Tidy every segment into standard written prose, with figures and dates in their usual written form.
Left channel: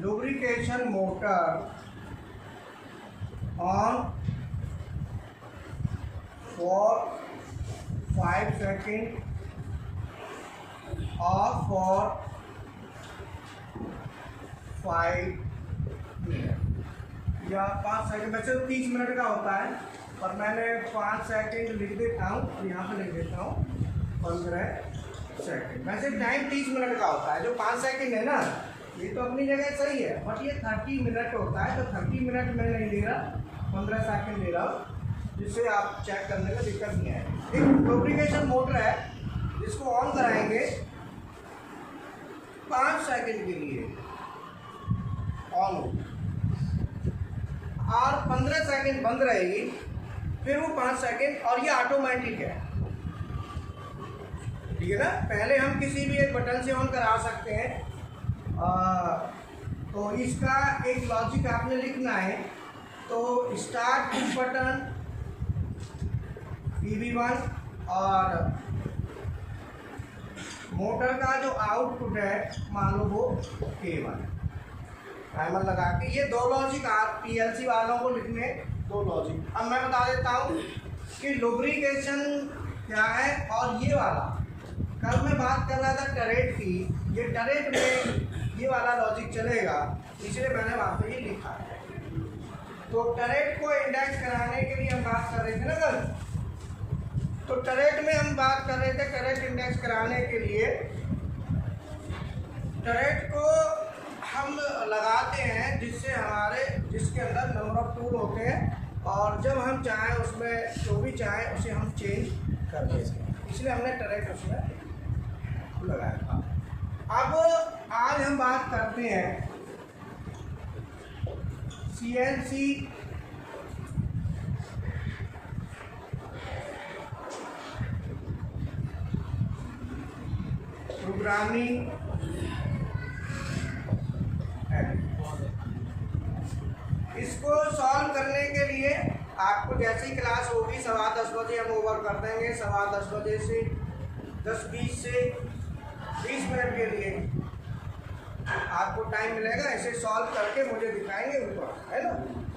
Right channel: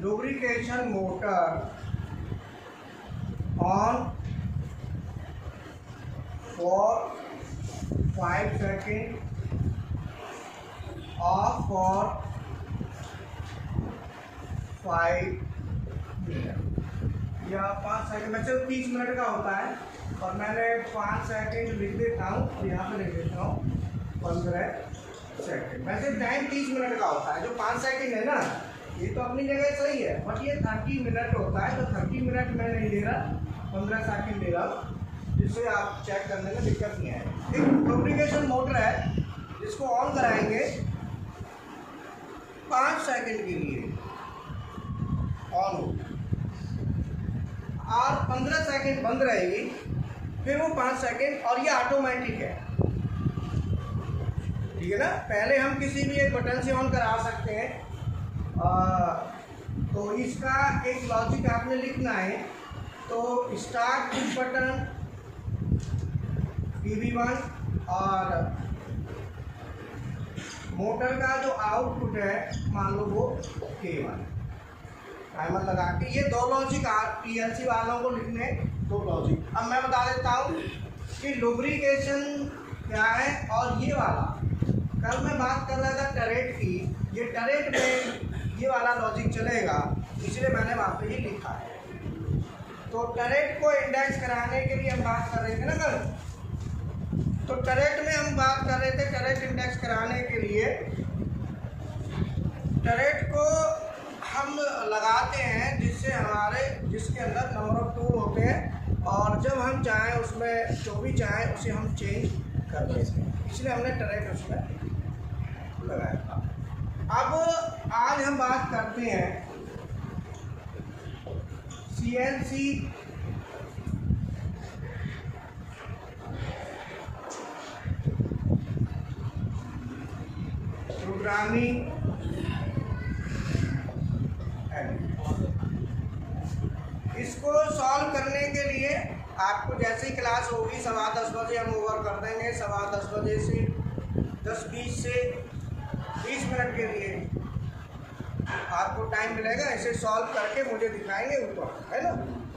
lubrication motor on for 5 seconds, off for 5 minute या 5 second. वैसे 30 minute का होता है और मैंने 5 सेकंड लिख देता हूँ, यहाँ पे लिख देता हूँ 15 सेकंड। वैसे टाइम 30 मिनट का होता है। जो 5 सेकंड है ना, ये तो अपनी जगह सही है, बट ये 30 मिनट होता है। तो 30 मिनट मैं नहीं ले रहा, 15 सेकंड ले रहा हूँ, जिससे आप चेक करने में दिक्कत नहीं आएगी। एक लुब्रिकेशन मोटर है जिसको ऑन कराएंगे 5 सेकंड के लिए ऑन होगी और 15 सेकंड बंद रहेगी, फिर वो 5 सेकंड, और ये ऑटोमेटिक है, ठीक है ना। पहले हम किसी भी एक बटन से ऑन करा सकते हैं। तो इसका एक लॉजिक आपने लिखना है। तो स्टार्ट पुश बटन PB1 और मोटर का जो आउटपुट है मान लो वो K1। टाइमर लगा के ये दो लॉजिक PLC वालों को लिखने, दो लॉजिक। अब मैं बता देता हूँ कि लुब्रिकेशन क्या है। और ये वाला कल मैं बात कर रहा था टरेट की, ये टरेट में ये वाला लॉजिक चलेगा, इसलिए मैंने वहाँ पे ये लिखा है। तो टरेट को इंडेक्स कराने के लिए हम बात कर रहे थे ना कल, तो टरेट में हम बात कर रहे थे, टरेट इंडेक्स कराने के लिए टरेट को हम लगाते हैं जिसके अंदर नंबर ऑफ टूल होते हैं, और जब हम चाहें उसमें जो भी चाहें उसे हम चेंज कर देते हैं, इसलिए हमने टरेट उसमें लगाया था। अब आज हम बात करते हैं CNC प्रोग्रामिंग। इसको सॉल्व करने के लिए आपको जैसी क्लास होगी 10:15 बजे हम ओवर कर देंगे। 10:15 बजे से 10:20 से 20 मिनट के लिए आपको टाइम मिलेगा। इसे सॉल्व करके मुझे दिखाएंगे ऊपर, है ना,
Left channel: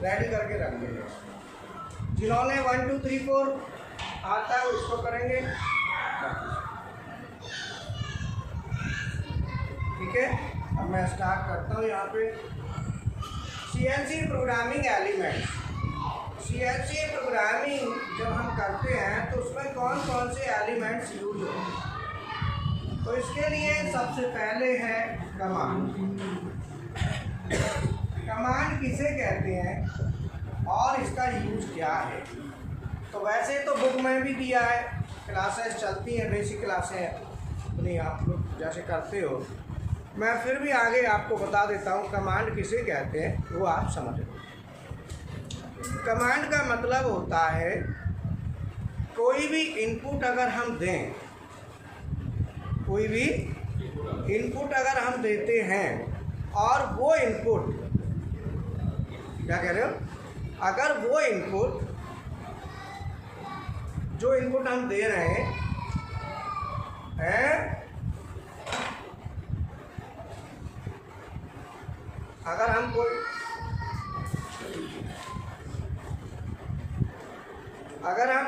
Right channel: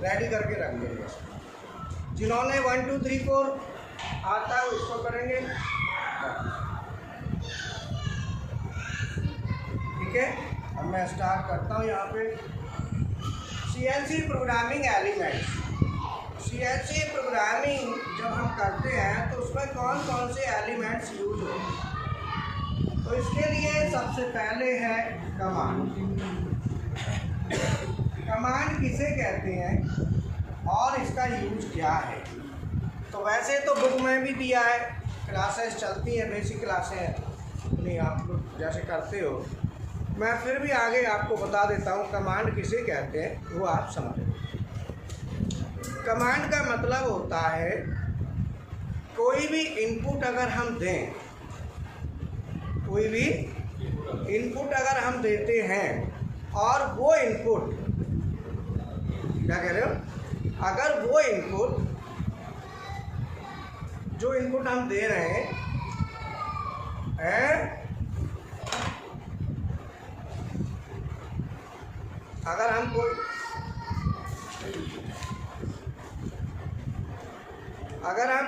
रेडी करके रख देंगे। जिन्होंने 1 2 3 4 आता है वो इसको करेंगे, ठीक है। अब मैं स्टार्ट करता हूँ यहाँ पे। CNC programming element. CNC programming जब हम करते हैं तो उसमें कौन कौन से एलिमेंट्स यूज होते हैं। तो इसके लिए सबसे पहले है कमांड। कमांड किसे कहते हैं और इसका यूज क्या है। तो वैसे तो बुक में भी दिया है, क्लासेस चलती हैं, बेसिक क्लासें अपनी आप लोग जैसे करते हो। मैं फिर भी आगे आपको बता देता हूँ कमांड किसे कहते हैं, वो आप समझ लो। कमांड का मतलब होता है कोई भी इनपुट अगर हम दें, कोई भी इनपुट अगर हम देते हैं और वो इनपुट, क्या कह रहे हो, अगर वो इनपुट जो इनपुट हम दे रहे हैं अगर हम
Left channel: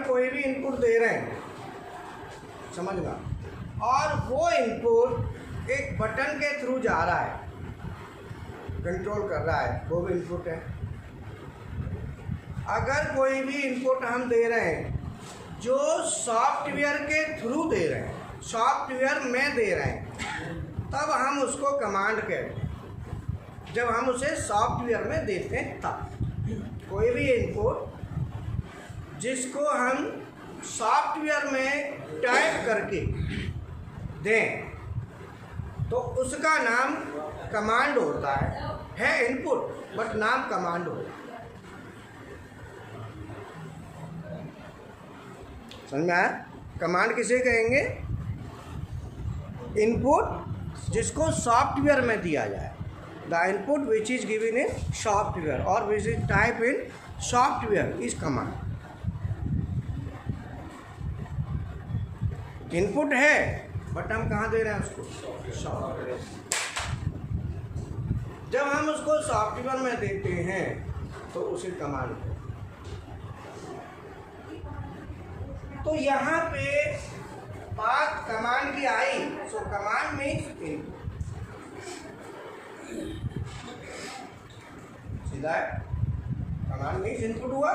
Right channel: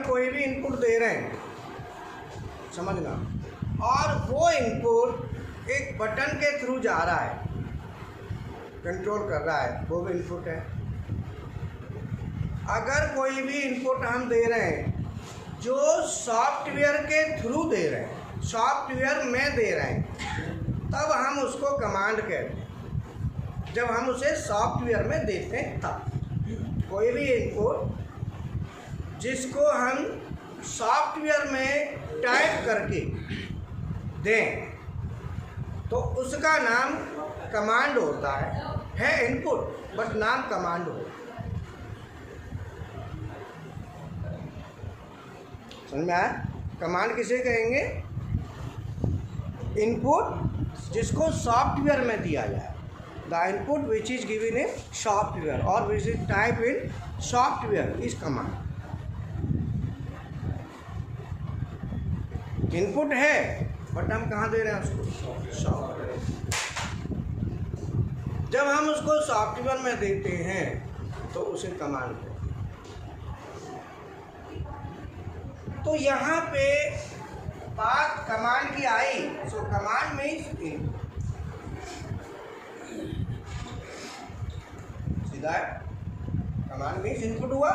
कोई भी इनपुट दे रहे हैं, समझना, और वो इनपुट एक बटन के थ्रू जा रहा है, कंट्रोल कर रहा है, वो भी इनपुट है। अगर कोई भी इनपुट हम दे रहे हैं जो सॉफ्टवेयर के थ्रू दे रहे हैं, सॉफ्टवेयर में दे रहे हैं, तब हम उसको कमांड कहते हैं। जब हम उसे सॉफ्टवेयर में देते हैं तब कोई भी इनपुट जिसको हम सॉफ्टवेयर में टाइप करके दें तो उसका नाम कमांड होता है इनपुट बट नाम कमांड होता है। समझ में आया? कमांड किसे कहेंगे? इनपुट जिसको सॉफ्टवेयर में दिया जाए, the input which is given in software और which is type in software is command. Input है बट हम कहाँ दे रहे हैं उसको? सॉफ्टवेयर। जब हम उसको सॉफ्टवेयर में देते हैं तो उसे कमांड को, तो यहाँ पे बात कमांड की आई। सो कमांड मीन्स इनपुट, सीधा है, कमांड मीन्स इनपुट हुआ।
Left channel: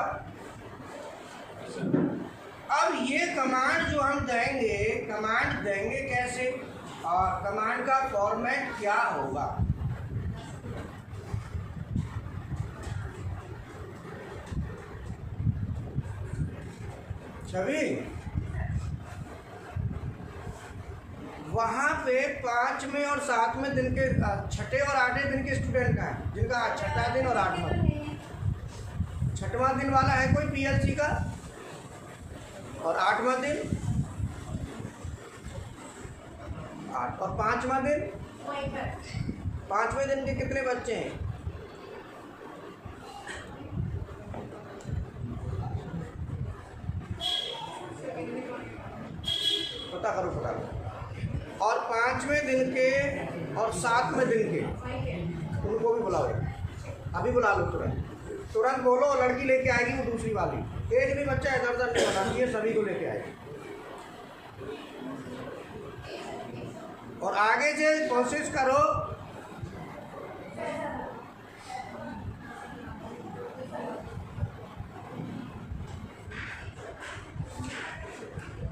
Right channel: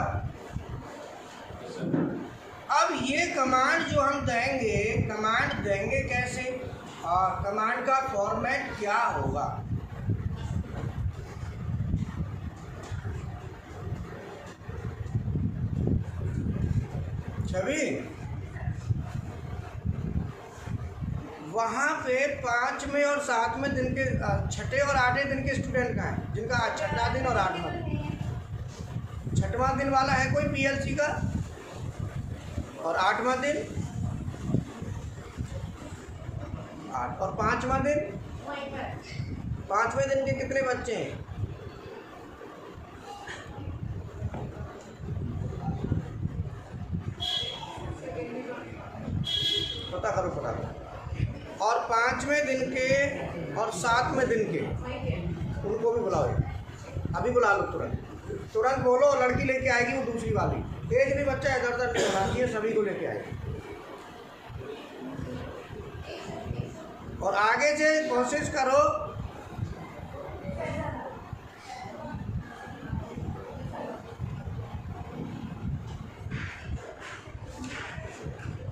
अब ये कमांड जो हम देंगे, कमांड देंगे कैसे और कमांड का फॉर्मेट क्या होगा? छवि, वहाँ पे 5वें और 7वें दिन के, 6ठे और 8वें दिन के स्टूडेंट का है, जिनका 6ठा दिन और 8वां दिन। 6वां दिन वाला है कोई पीएलसी का, और 8वां दिन 8, और 5वां दिन, 5वें दिन के कितने बच्चे हैं? पता करो, पता करो। और 5वें दिन के और 7वें दिन के, उनको भी बुलाओ, अभी बुला लो, तुरंत बोलो। लड़की लेके आएगी वो दूसरी वाली, एक भी बच्चा इधर उधर नहीं होना चाहिए, सभी को लेके आएगी। और आगे से कोशिश करो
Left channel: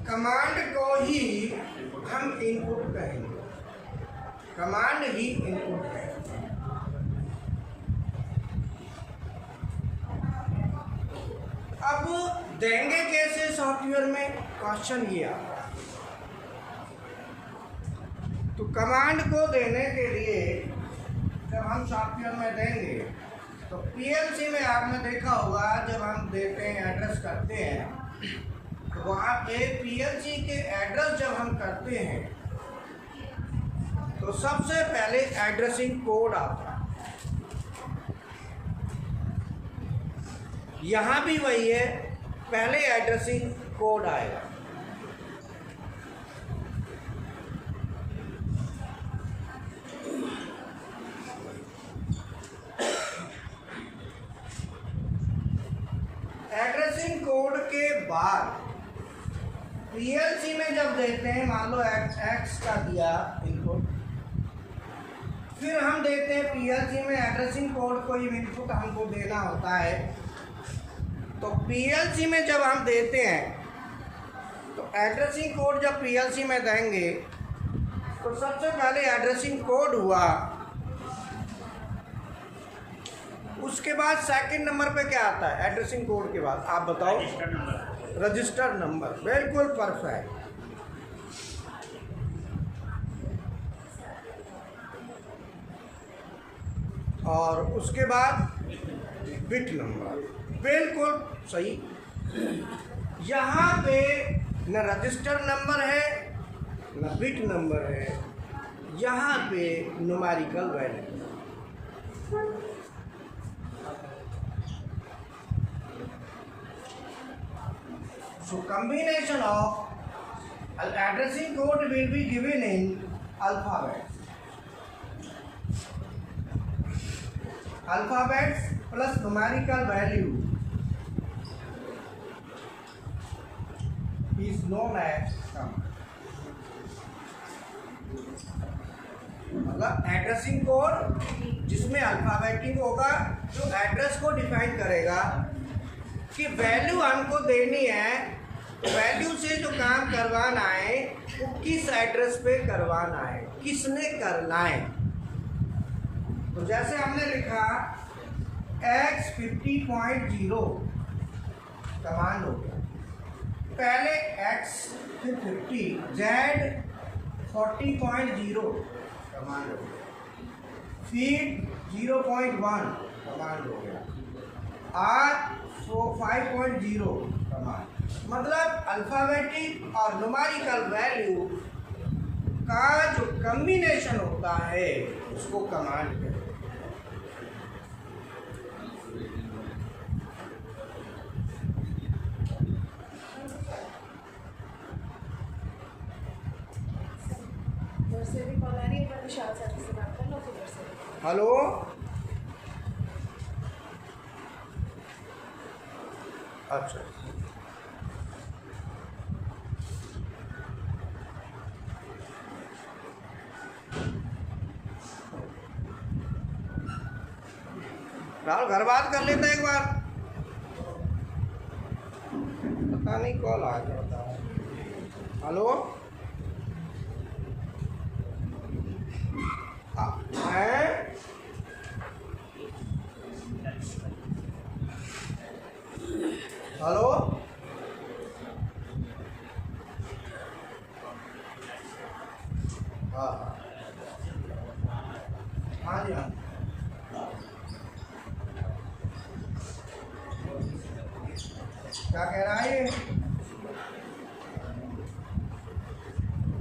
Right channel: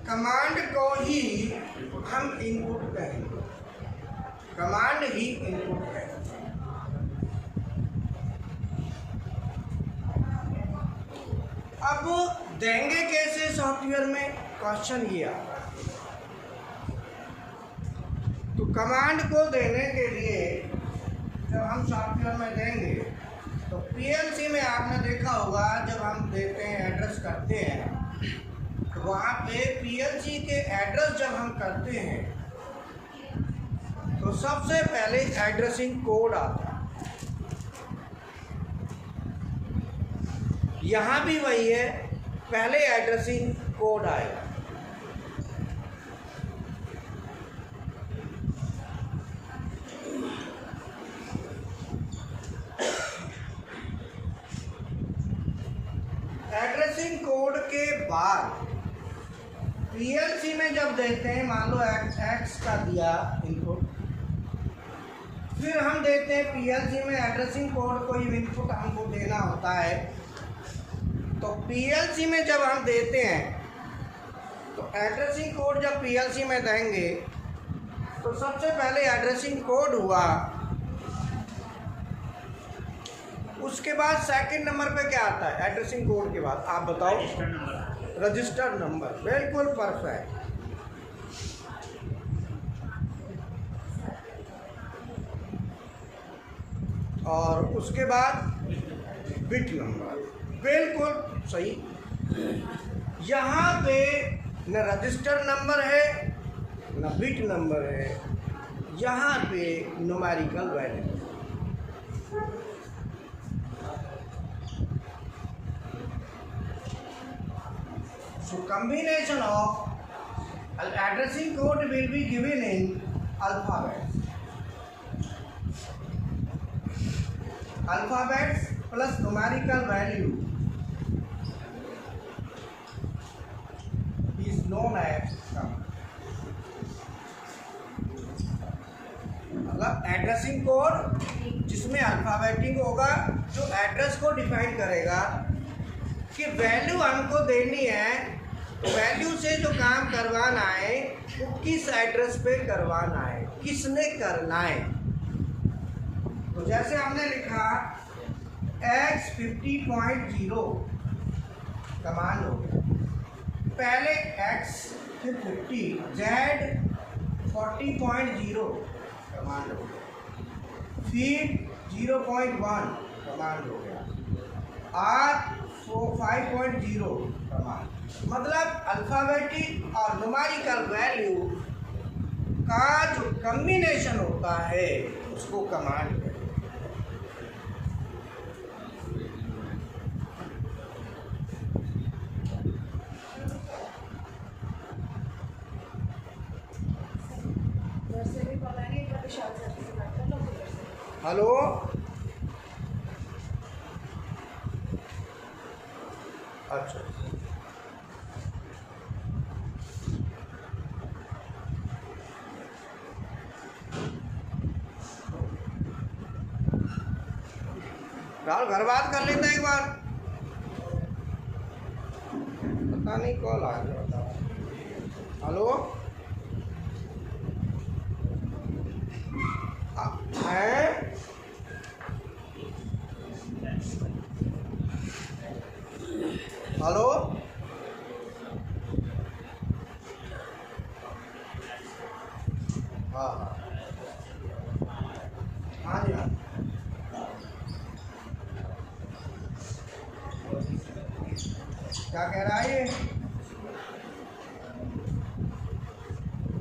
कमांड को ही हम इनपुट कहेंगे, कमांड ही इनपुट है। अब देंगे कैसे सॉफ्टवेयर में, क्वेश्चन ये आता है। तो कमांड को देने के लिए जब हम सॉफ्टवेयर में देंगे तो पीएलसी में आपने देखा होगा, जब हम देते हैं, एड्रेस करते हैं, तो वहाँ पे पीएलसी के एड्रेस जब हम करते हैं तो सबसे पहले एड्रेसिंग कोड आता है। यहाँ भी वही है, पहले एड्रेसिंग कोड आएगा। एड्रेसिंग कोड के बाद पीएलसी में जब देते हैं, मान लो एक्स का दिया इनपुट, फिर हम देते हैं पीएलसी में एड्रेसिंग कोड, कोई इनपुट हमको देना होता है। तो पीएलसी में जब हम देते हैं तो एड्रेसिंग कोड जब पीएलसी में देंगे तो सबसे पहले एड्रेसिंग कोड हुआ, उसके बाद सेकंड नंबर पे क्या आता है? एड्रेसिंग कोड के बाद आप बताओ? Register number. बिल्कुल परफेक्ट। और उसके बाद बिट नंबर। बिल्कुल सही। यहाँ पे न रजिस्टर नंबर है न बिट नंबर है, यहाँ पे numerical value. So combination of addressing code will be given in alphabet. Alphabets plus numerical value is known as command. मतलब एड्रेसिंग कोड जिसमें अल्फाबेटिक होगा, जो एड्रेस को डिफाइन करेगा कि वैल्यू हमको देनी है, वैल्यू से जो काम करवाना है वो किस एड्रेस पे करवाना है, किसने करना है। तो जैसे हमने लिखा x 50.0 कमांड हो गया, पहले x फिर 50, z 40.0 कमांड हो गया, फीड 0.1 कमांड हो गया, r 5.0 कमांड। मतलब अल्फाबेटिक और न्यूमेरिकल वैल्यू का जो कम्बिनेशन होता है उसको कमांड कहते हैं। हेलो, अच्छा, राहुल घर बात कर लेते हैं एक बार, पता नहीं कॉल आ गया, बताओ। हेलो, है हेलो, हाँ हाँ हाँ जी हाँ, क्या कह रहा है ये?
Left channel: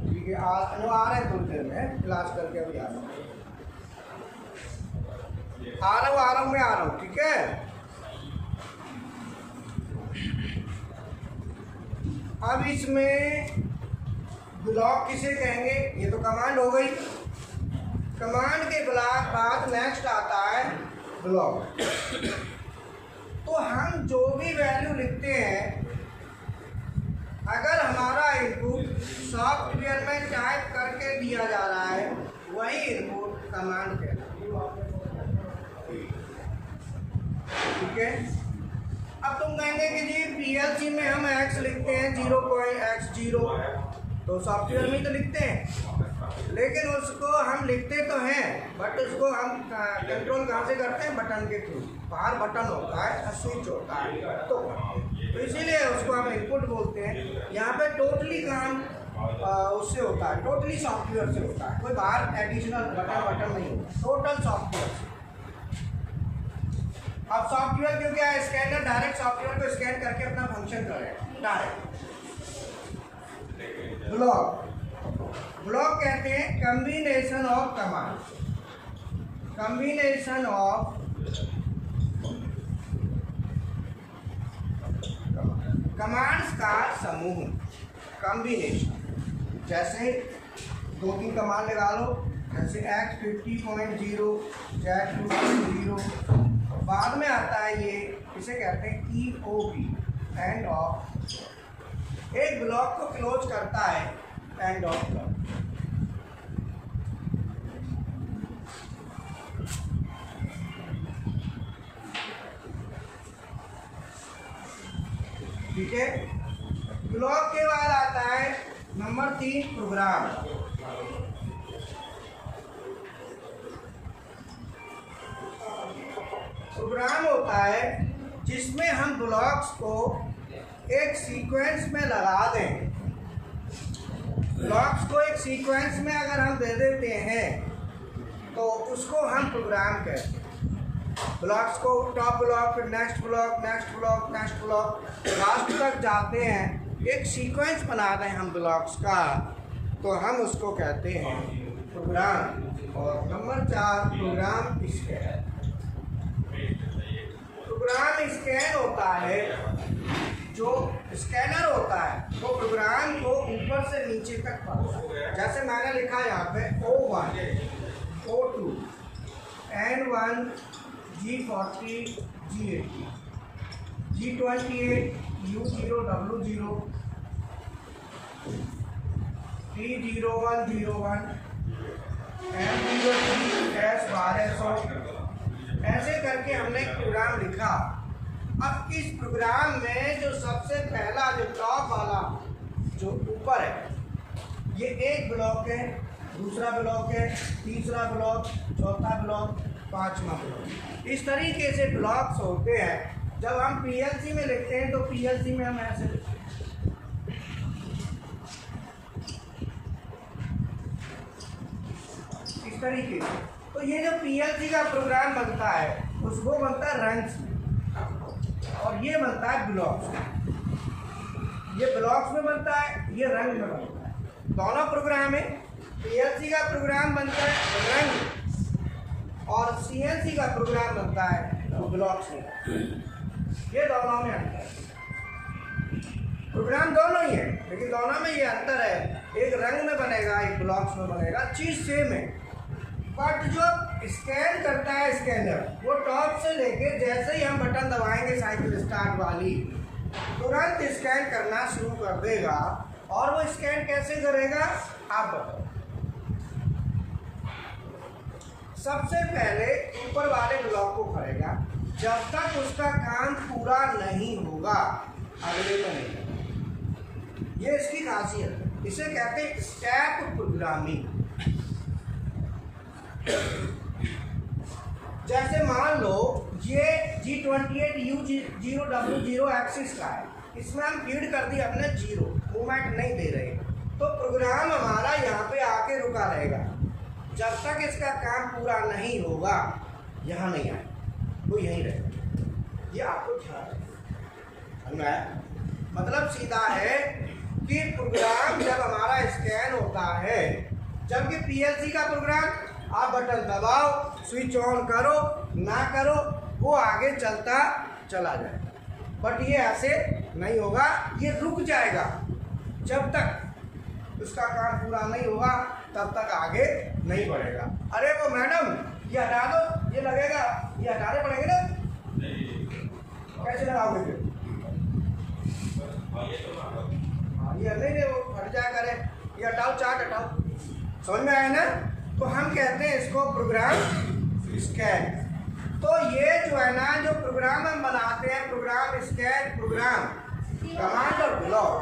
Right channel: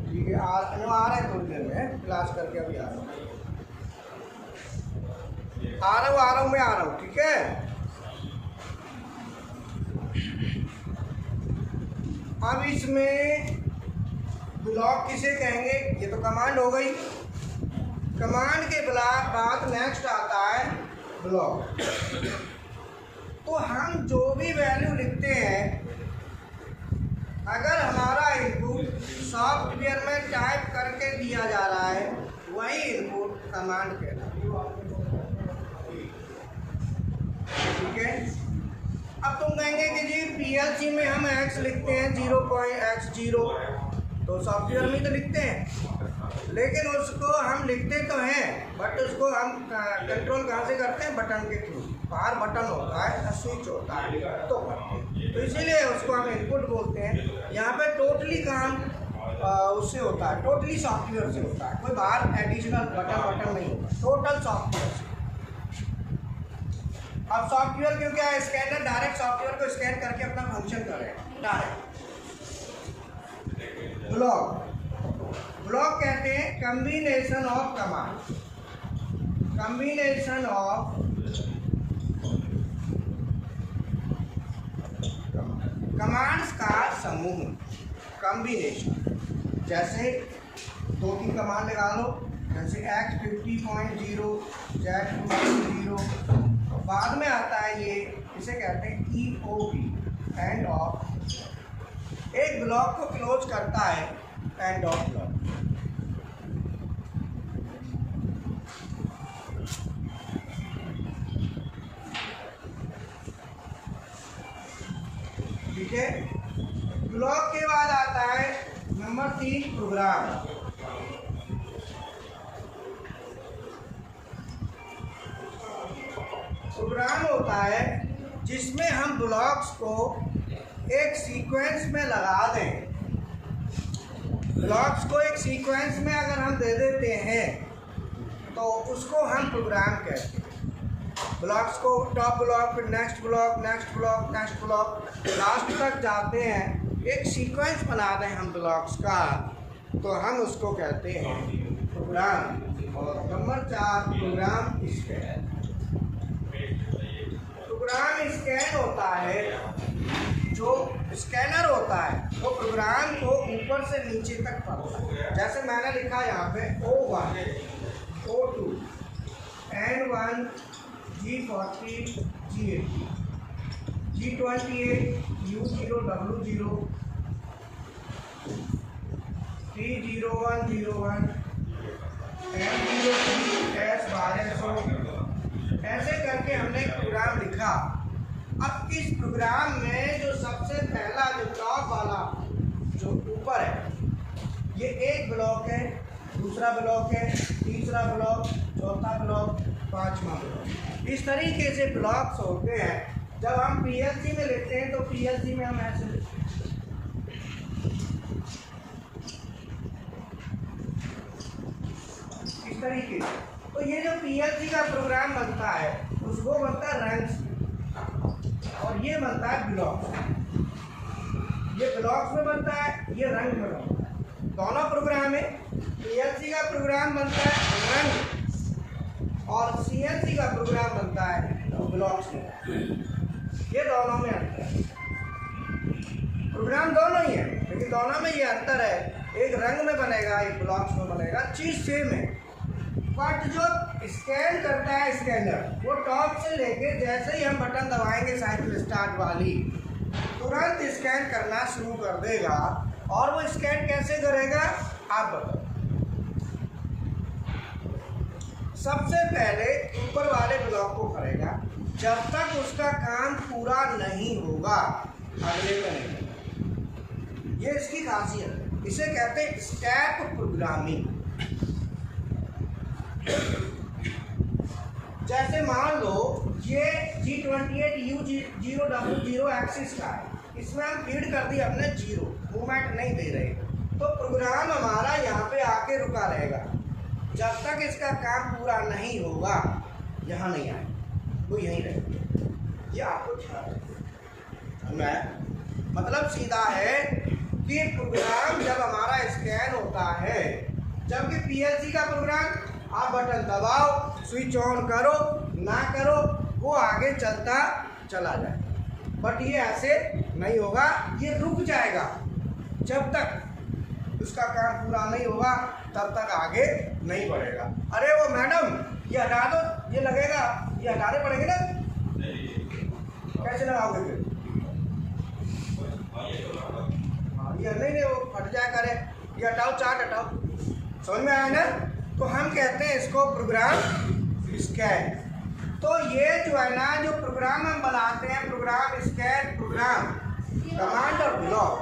ठीक है, आ रहा है थोड़ी देर में, क्लास करके अभी आ रहा हूँ, मैं आ रहा हूँ, ठीक है। अब इसमें ब्लॉक किसे कहेंगे? ये तो कमांड हो गई। कमांड के बाद नेक्स्ट आता है ब्लॉक। तो हम जो भी वैल्यू लिखते हैं, अगर हमारा इनपुट सॉफ्टवेयर में टाइप करके दिया जा रहा है, वही इनपुट कमांड कहलाता है, ठीक है। अब तुम कहेंगे कि जी पीएलसी में हम x लिखते हैं 0.x0, तो सॉफ्टवेयर में तो लिखते हैं, लेकिन उसको हम लिखते तो हैं, बट उसको हम कंट्रोल कहाँ से करते हैं? बटन के थ्रू। बाहर बटन होता है, स्विच होता है, तो इसीलिए उसको हम इनपुट बोलते हैं। यहाँ पे टोटली काम उससे होता है, टोटली सॉफ्टवेयर से होता है, कोई बाहर एडिशनल बटन नहीं होता, टोटल सॉफ्टवेयर से। अब सॉफ्टवेयर क्योंकि स्कैनर डायरेक्ट सॉफ्टवेयर को स्कैन करके अपना फंक्शन करेगा डायरेक्ट। ब्लॉक कहते हैं combination of command, combination of commands का समूह, कम्बिनेशन। जैसे 2-3 कमांड लगा लो, जैसे x50.0 z50, बाद में आता है ये, इसे कहते हैं EOP, एंड ऑफ। एक ब्लॉक को क्लोज करता है एंड ऑफ ब्लॉक। ठीक है। ब्लॉक के बाद आता है नंबर 3 प्रोग्राम। प्रोग्राम होता है जिसमें हम ब्लॉक्स को एक सीक्वेंस में लगा दें। ब्लॉक्स को एक सीक्वेंस में अगर हम दे देते हैं तो उसको हम प्रोग्राम कहते हैं। ब्लॉक्स को top block, next block, next block, next block, last तक जाते हैं, एक सीक्वेंस बना दें हम ब्लॉक्स का, तो हम उसको कहते हैं प्रोग्राम। और number 4 program scan. Program scan होता है, जो स्कैनर होता है वो प्रोग्राम को ऊपर से नीचे तक पढ़ता है। जैसे मैंने लिखा यहाँ पे O1, O2, N1, G40, G80, G28, U0, W0, T0101, M03, S1200, ऐसे करके हमने एक प्रोग्राम लिखा। अब इस प्रोग्राम में जो सबसे पहला, जो टॉप वाला, जो ऊपर है, ये एक ब्लॉक है, दूसरा ब्लॉक है, तीसरा ब्लॉक, चौथा ब्लॉक, 5वां ब्लॉक। इस तरीके से ब्लॉक्स होते हैं। जब हम पीएलसी में लिखते हैं तो पीएलसी में हम ऐसे लिखते हैं, इस तरीके से। तो ये जो पीएलसी का प्रोग्राम बनता है उसको बनता है रंग्स में, और ये बनता है ब्लॉक्स में। ये ब्लॉक्स में बनता है, ये रंग में बनता है। दोनों प्रोग्राम है। पीएलसी का प्रोग्राम बनता है रंग, और सीएनसी का प्रोग्राम बनता है ब्लॉक्स में। ये दोनों में अंतर है। प्रोग्राम दोनों ही है, लेकिन दोनों में ये अंतर है, एक रंग में बनेगा, एक ब्लॉक्स में बनेगा, चीज़ सेम है। बट जो स्कैन करता है स्कैनर, वो टॉप से लेके जैसे ही हम बटन दबाएंगे साइकिल स्टार्ट वाली, तुरंत स्कैन करना शुरू कर देगा। और वो स्कैन कैसे करेगा आप बताओ। सबसे पहले ऊपर वाले ब्लॉक को करेगा, जब तक उसका काम पूरा नहीं होगा अगले का नहीं। ये इसकी खासियत है, इसे कहते हैं स्टैक प्रोग्रामिंग। जैसे मान लो ये G28U0W0 एक्सिस का है, इसमें हम फीड कर दिए अपने 0, मूवमेंट नहीं दे रहे, तो प्रोग्राम हमारा यहाँ पे आके रुका रहेगा जब तक इसका काम पूरा नहीं होगा, यहाँ नहीं आए, वो यहीं रहेगा। ये आपको ध्यान है, मतलब सीधा है कि प्रोग्राम जब हमारा स्कैन होता है, जबकि पीएलसी का प्रोग्राम आप बटन दबाओ, स्विच ऑन करो ना करो, वो आगे चलता चला जाए। बट ये ऐसे नहीं होगा, ये रुक जाएगा जब तक उसका काम पूरा नहीं होगा, तब तक आगे नहीं बढ़ेगा। अरे वो मैडम ये हटा दो, ये लगेगा, ये हटाने पड़ेंगे ना, कैसे लगाओगे फिर? ये नहीं वो हट जाया करे, ये हटाओ, चार्ट हटाओ, समझ में आया ना? तो हम कहते हैं इसको प्रोग्राम स्कैन। तो ये जो है ना, जो प्रोग्राम हम बनाते हैं, प्रोग्राम स्कैन, प्रोग्राम कमांड और ब्लॉक,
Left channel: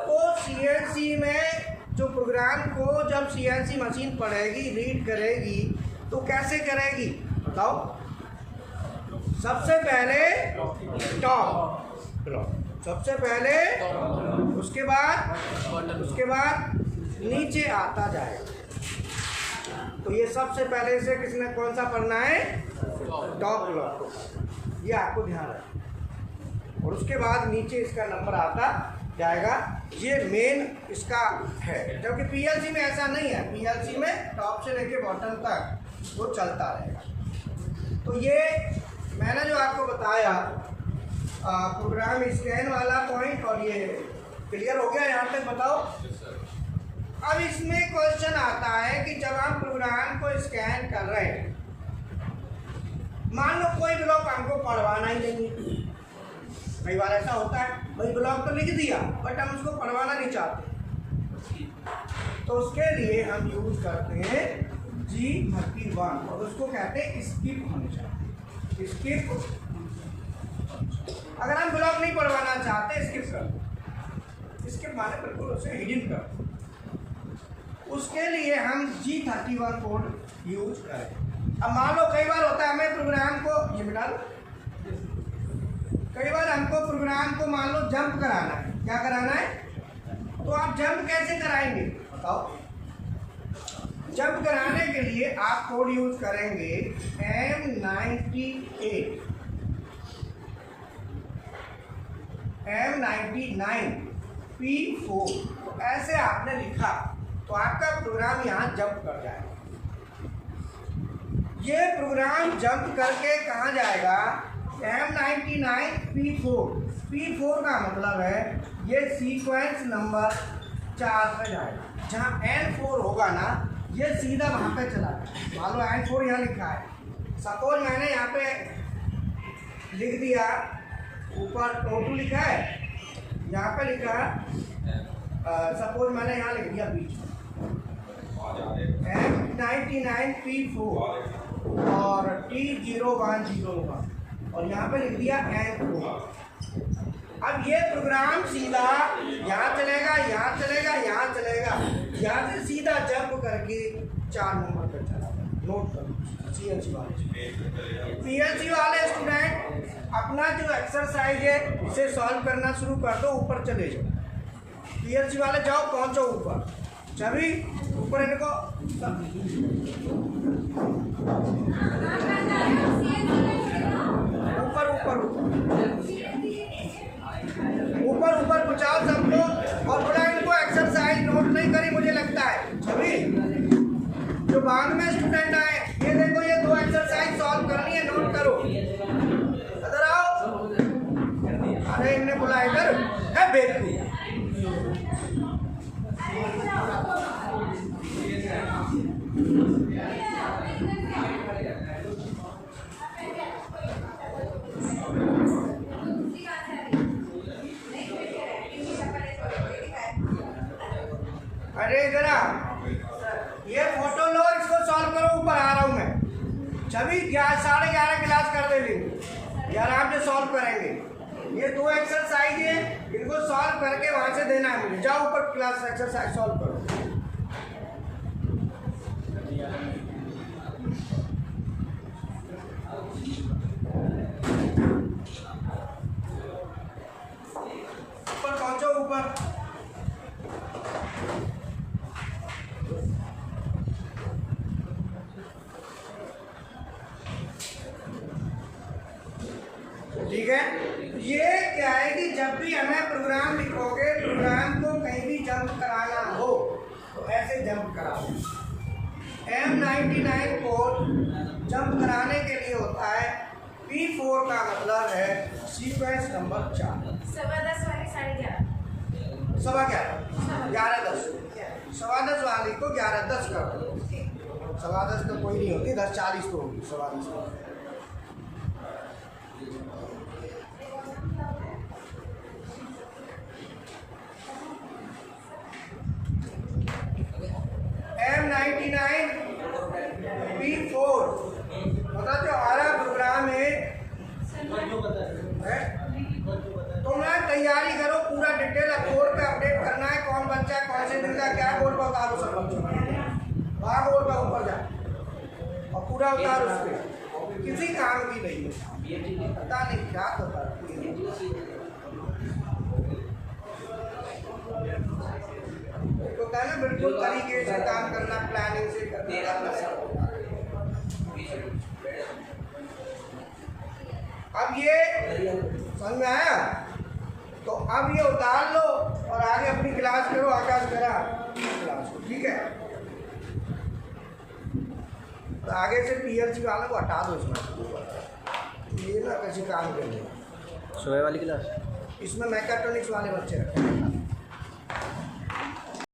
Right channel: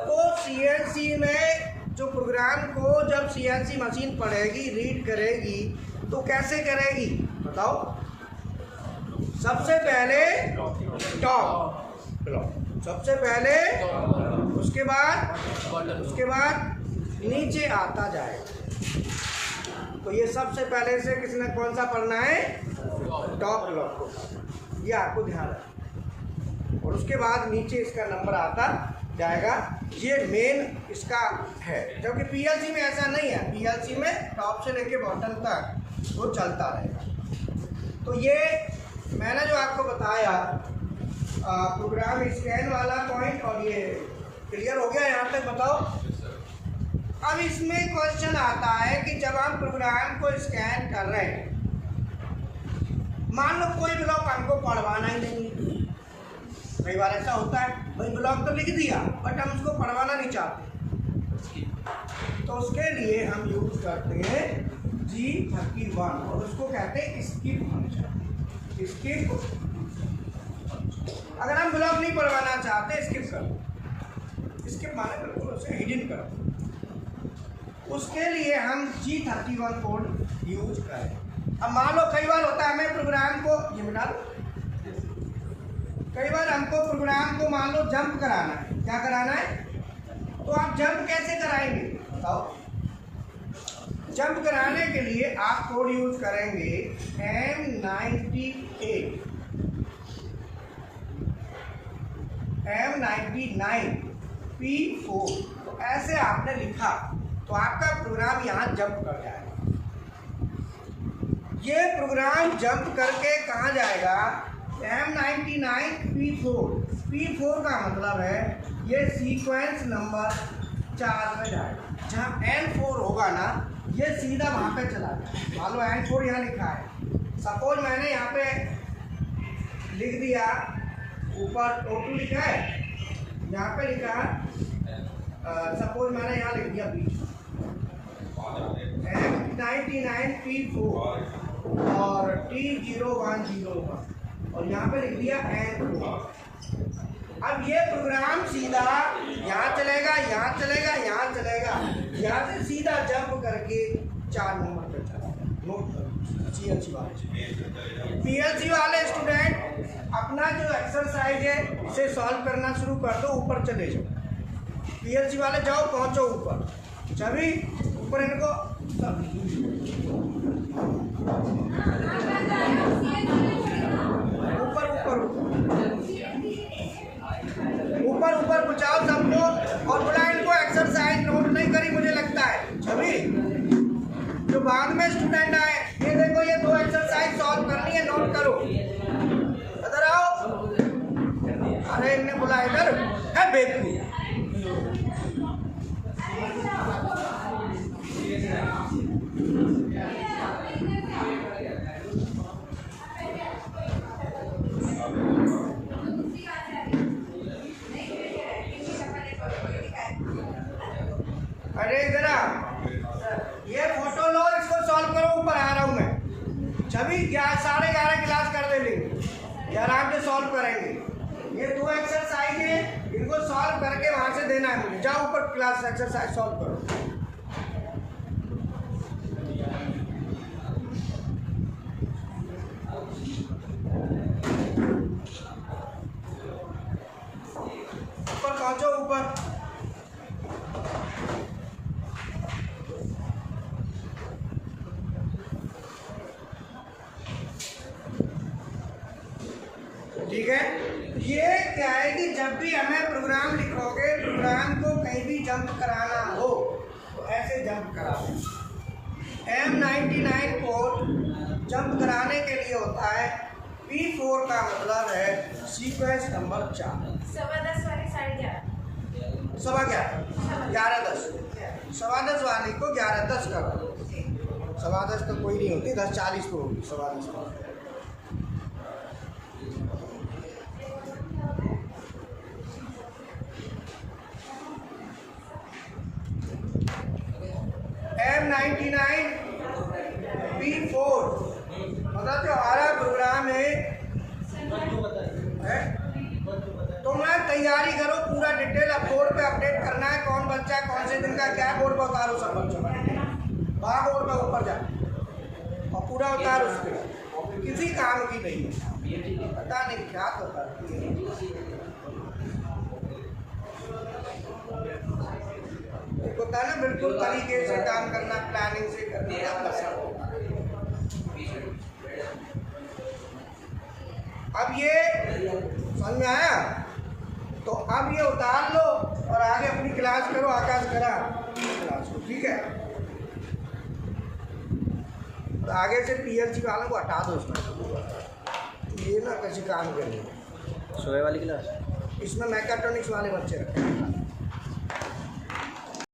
तो सीएनसी में जो प्रोग्राम को जब सीएनसी मशीन पढ़ेगी, रीड करेगी, तो कैसे करेगी बताओ? सबसे पहले टॉप ब्लॉक, सबसे पहले, उसके बाद नीचे आता जाएगा। तो ये सबसे पहले से किसने कौन सा पढ़ना है? टॉप ब्लॉक को, ये आपको ध्यान रखना। और उसके बाद नीचे इसका नंबर आता जाएगा, ये मेन इसका है। जबकि पीएलसी में ऐसा नहीं है, पीएलसी में टॉप से लेके बॉटम तक वो चलता रहेगा। तो ये मैंने जो आपको बताया प्रोग्राम स्कैन वाला पॉइंट, और ये क्लियर हो गया यहाँ तक बताओ? अब इसमें क्वेश्चन आता है कि जब हम प्रोग्राम को स्कैन कर रहे हैं, मान लो कोई ब्लॉक हमको पढ़वाना ही नहीं, कई बार ऐसा होता है, भाई ब्लॉक तो लिख दिया बट हम उसको पढ़वाना नहीं चाहते, तो उसके लिए हम यूज करते हैं G31, और उसको कहते हैं स्किप फंक्शन। स्किप, अगर हम ब्लॉक नहीं पढ़वाना चाहते, स्किप कर, स्किप माने बिल्कुल उसे हिडन कर, उसके लिए हम G31 कोड यूज करें। अब मान लो कई बार होता है हमें प्रोग्राम को, ये मिटा लो, कई बार हमको प्रोग्राम को मान लो जंप कराना है, क्या कराना है? तो आप जंप कैसे कराएंगे बताओ? जंप कराने के लिए आप कोड यूज करेंगे M99 P4, तो ऐसे आपने लिखा तो आपका प्रोग्राम यहाँ जंप कर जाएगा। ये प्रोग्राम जंप करके कहाँ जाएगा? M99 P4 का मतलब है ये सीक्वेंस नंबर 4 पे जाएगा। जहाँ N4 होगा ना, ये सीधा वहाँ पे चला जाएगा। मान लो N4 यहाँ लिखा है, सपोज मैंने यहाँ पे लिख दिया, ऊपर O2 लिखा है, यहाँ पे लिखा है, सपोज मैंने यहाँ लिख दिया बीच में M99 P4 और T010 और यहाँ पे लिख दिया N4। अब ये प्रोग्राम सीधा यहाँ चलेगा, यहाँ चलेगा, यहाँ चलेगा, यहाँ से सीधा जंप करके 4 नंबर पर चला। नोट करो पीएलसी वाले स्टूडेंट अपना जो एक्सरसाइज है उसे सॉल्व करना शुरू कर दो, ऊपर चले जाओ। पीएलसी वाले जाओ, पहुँचो ऊपर, छवि ऊपर इनको ऊपर ऊपर ऊपर ऊपर पहुँचाओ सबको, और बोला इनको एक्सरसाइज नोट नहीं करी मुझे लगता है। छवि जो बाद में स्टूडेंट आए, ये देखो ये 2 एक्सरसाइज सॉल्व करनी है, नोट करो। इधर आओ, अरे इन्हें बुला इधर। है बेवकूफ। अरे इधर आ, ये फोटो लो, इसको सॉल्व करो। ऊपर आ रहा हूँ मैं, सभी 11:30 क्लास कर दे लेंगे, ये आराम से सॉल्व करेंगे। ये 2 एक्सरसाइज है, इनको सॉल्व करके वहां से देना है मुझे। जाओ ऊपर क्लास एक्सरसाइज सॉल्व करो। ऊपर पहुंचो, ऊपर। ठीक है, ये क्या है कि जब भी हमें प्रोग्राम लिखोगे, प्रोग्राम को कहीं भी जंप कराना हो तो ऐसे जंप कराओ। M99 कोड जंप कराने के लिए होता है। P4 का मतलब है सीक्वेंस नंबर 4। 10:15 वाली 11:30। 11:10 10:15 वाली को 11:10 कर दो। 10:15 तो कोई नहीं होती, 10:40 को होगी। 10:15 को M99 P4 मतलब जो हमारा प्रोग्राम है, तुम ना तैयारी करो पूरा डिटेल। अब बोर्ड पे अपडेट करना है, कौन बच्चा कौन से दिन का क्या बोर्ड पर उतारो। सब बच्चों वहाँ बोर्ड पर ऊपर जा और पूरा उतारो। उसके किसी काम की नहीं है, पता नहीं क्या होता होता है ना, बिल्कुल तरीके से काम करना, प्लानिंग से करना। अब ये समझ में आया? तो अब ये उतार लो और आगे अपनी क्लास करो। आकाश करा क्लास को, ठीक है। और आगे से PLC वालों को हटा दो उसमें, ये ना कैसे काम करेंगे। सुबह वाली क्लास इसमें मैकेट्रॉनिक्स वाले बच्चे रखे हैं।